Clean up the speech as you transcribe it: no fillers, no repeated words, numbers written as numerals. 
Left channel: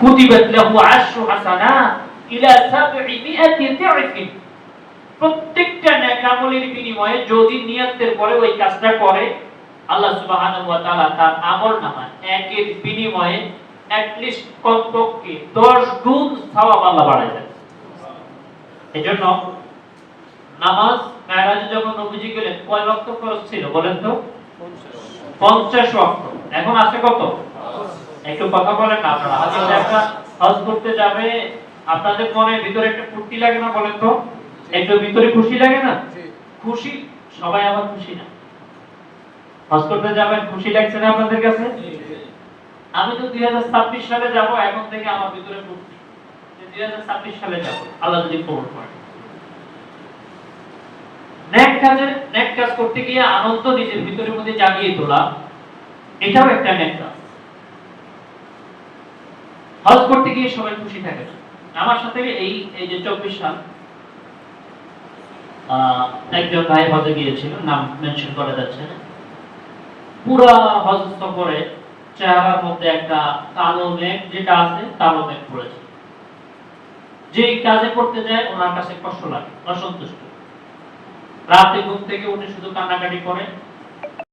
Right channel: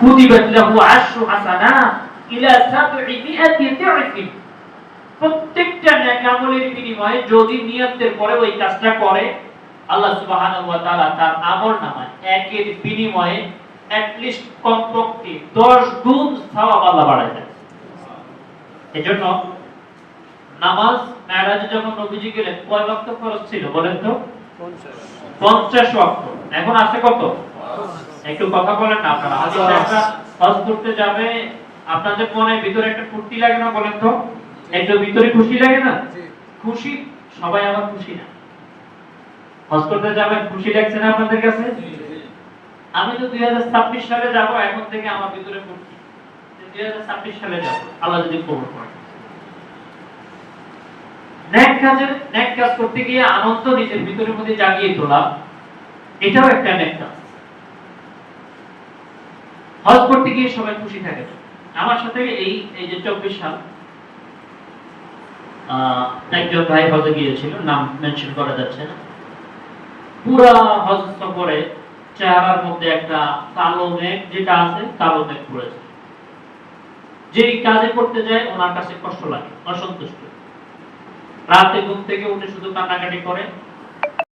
কুতিবাত লাহু আশরু হাসানাত ইলা 700 দি'ফিন। প্রত্যেকটা নেক আমলের বিনিময়ে যদি নিয়তের পরে ওই কাজটা করে, আল্লাহ সুবহানাহু ওয়া তাআলা তার আমলনামায় একের বিনিময়ে অ্যাটলিস্ট কমপক্ষে 10 গুণ সওয়াব আল্লাহ বাড়ায় দেয়। এজন্য নামাজ মেরাজে যখন নবীজি গেলেন কয় ওয়াক্ত ফরজ ছিল বলেন তো? 50 ওয়াক্ত। এখন আছে কত? একটু কথা বলেন না আপনারা। হযরত একটা হজ করতে যাবে, আপনাদের মনে ভিতরে একটা ফুর্তি লাগে না বলেন তো? একটু ভিতরে খুশি লাগে না? খুশি সবাই আবার খুশি না। হজ করতে যাবেন, খুশি লাগছে না আপনাদের কাছে? আমি তো 2026 সালে যাব, এখন থেকে আমার ভিতরে ফুর্তি। 2026 সালে যাব, আল্লাহ যদি কবুল করে। নেক কাজ করতে গিয়ে আনন্দ নিজের ভিতরের মধ্যে জাগিয়ে তোলা, এটাও একটা নেক কাজ। হজ করতে গিয়ে সবাই খুশি থাকে। আমার সাথে এই যে 24 সাল একজন ভাই হজে গিয়েছিল, নাম মেনশন করা যাচ্ছে না। পুরা হজ সফরে চেহারার মধ্যে একটা কালো মেঘ যেটা আছে, কালো মেঘ পড়েছে। যেই কাজে করতে যায় ওনার কাছে কষ্ট লাগে, অসন্তুষ্ট। রাতে ঘুম থেকে উঠে শুধু কান্নাকাটি করে,